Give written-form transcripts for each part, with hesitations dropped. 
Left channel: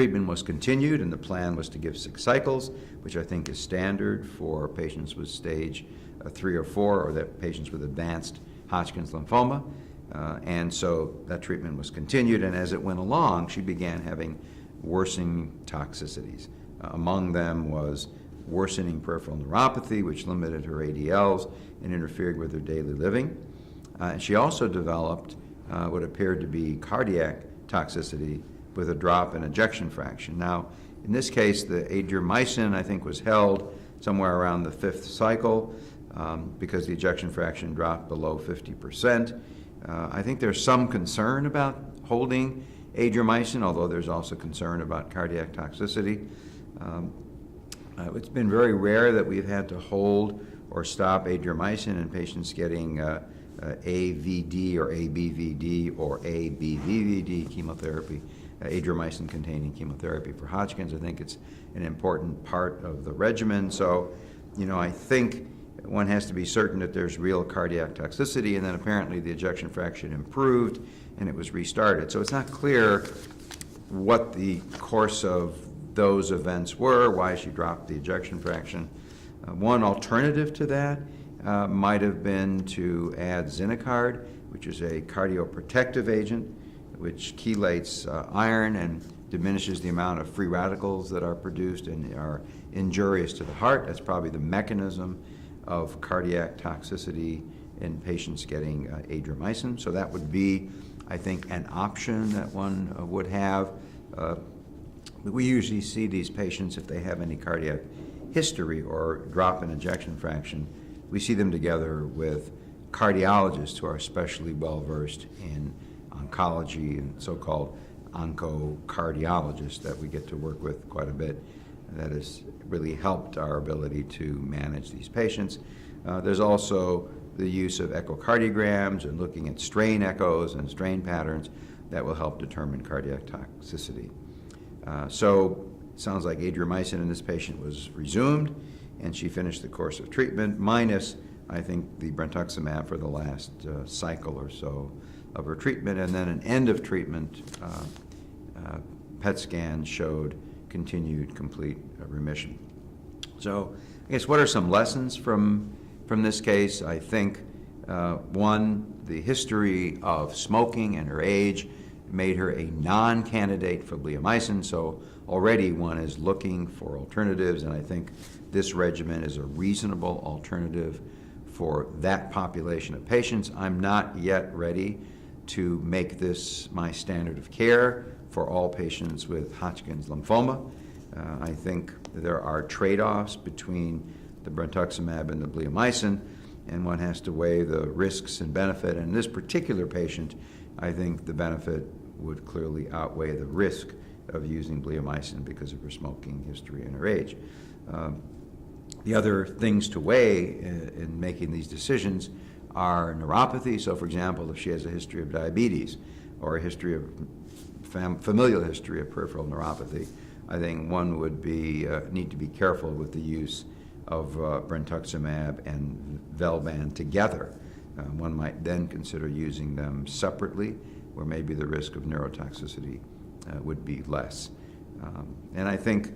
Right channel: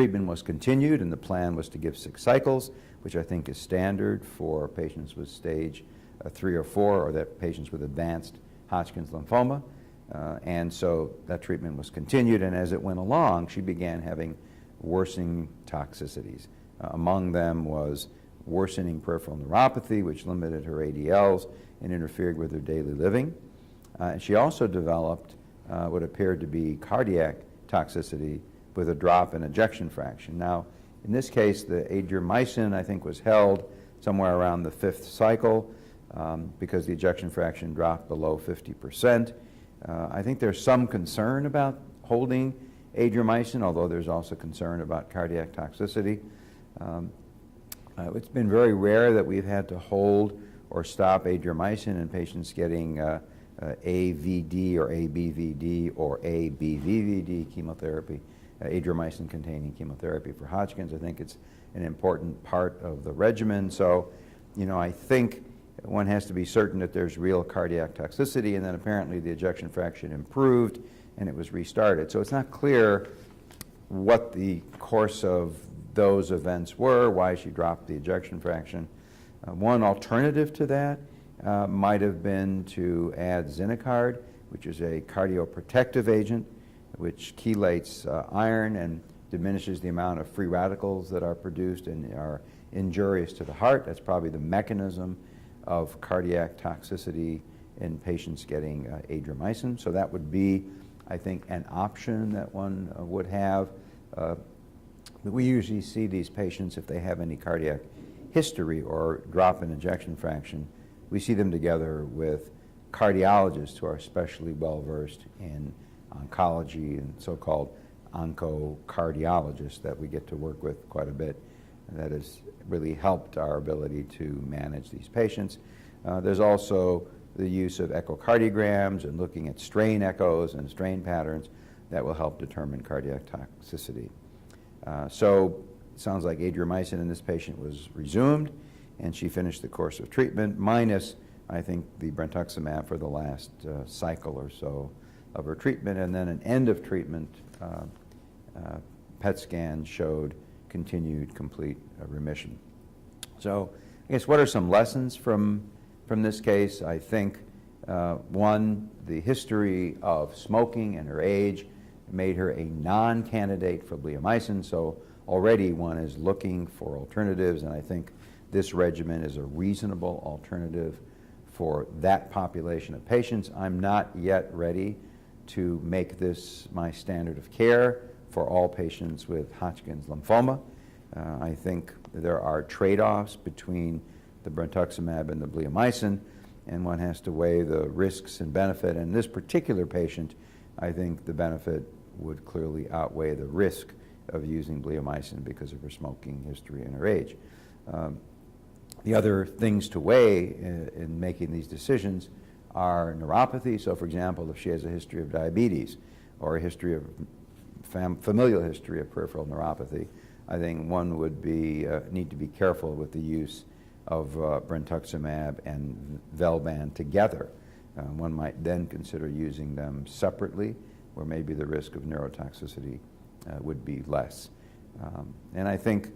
treatment was continued, and the plan was to give 6 cycles, which I think is standard for patients with stage 3 or 4, or that patients with advanced Hodgkin's lymphoma. And so that treatment was continued, and as it went along, she began having worsening toxicities. Among them was worsening peripheral neuropathy, which limited her ADLs and interfered with her daily living. She also developed what appeared to be cardiac toxicity with a drop in ejection fraction. Now, in this case, the adriamycin, I think, was held somewhere around the 5th cycle because the ejection fraction dropped below 50%. I think there's some concern about holding adriamycin, although there's also concern about cardiac toxicity. It's been very rare that we've had to hold or stop adriamycin in patients getting AVD or ABVD or ABVVD chemotherapy, adriamycin-containing chemotherapy for Hodgkin's. I think it's an important part of the regimen. So, I think one has to be certain that there's real cardiac toxicity, and then apparently the ejection fraction improved and it was restarted. So it's not clear what the course of those events were, why she dropped the ejection fraction. One alternative to that might have been to add Zinacard, which is a cardioprotective agent, which chelates iron and diminishes the amount of free radicals that are produced and are injurious to the heart. That's probably the mechanism of cardiac toxicity in patients getting adriamycin. So that would be, I think, an option that one would have. We usually see these patients, if they have any cardiac history or drop in ejection fraction, we see them together with cardiologists who are especially well-versed in oncology and so-called oncocardiologists that we get to work with quite a bit. That has really helped our ability to manage these patients. There's also the use of echocardiograms and looking at strain echoes and strain patterns that will help determine cardiac toxicity. So it sounds like adriamycin in this patient was resumed, and she finished the course of treatment, minus, I think, the brentuximab for the last cycle or so of her treatment, and then an end of treatment PET scan showed continued complete remission. So I guess what are some lessons from this case? I think, one, the history of smoking and her age made her a non-candidate for bleomycin, so already one is looking for alternatives, and I think this regimen is a reasonable alternative for that population of patients. I'm not yet ready to make this my standard of care for all patients with Hodgkin's lymphoma. I think there are trade-offs between the brentuximab and the bleomycin, and one has to weigh the risks and benefit. And in this particular patient, I think the benefit would clearly outweigh the risk of using bleomycin because of her smoking history and her age. The other things to weigh in making these decisions are neuropathy. So, for example, if she has a history of diabetes or a history of familial history of peripheral neuropathy, I think one would need to be careful with the use of brentuximab and Velban together. One might then consider using them separately, where maybe the risk of neurotoxicity would be less. And I think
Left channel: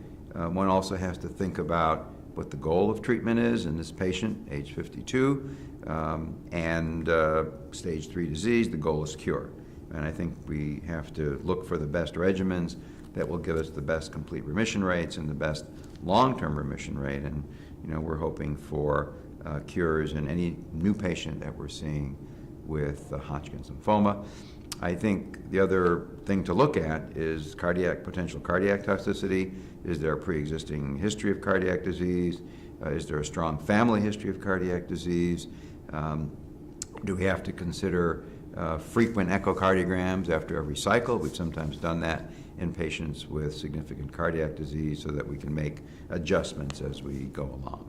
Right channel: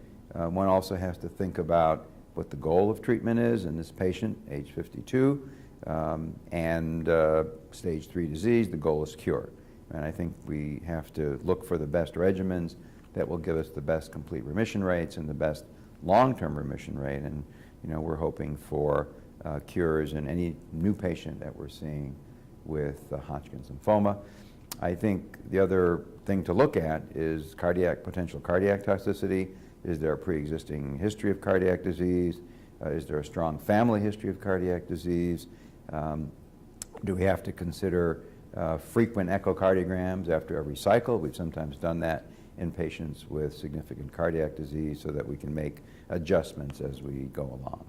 one also has to think about what the goal of treatment is in this patient, age 52, and stage 3 disease. The goal is cure. And I think we have to look for the best regimens that will give us the best complete remission rates and the best long-term remission rate. And we're hoping for cures in any new patient that we're seeing with Hodgkin's lymphoma. I think the other thing to look at is potential cardiac toxicity. Is there a pre-existing history of cardiac disease? Is there a strong family history of cardiac disease? Do we have to consider frequent echocardiograms after every cycle? We've sometimes done that in patients with significant cardiac disease so that we can make adjustments as we go along.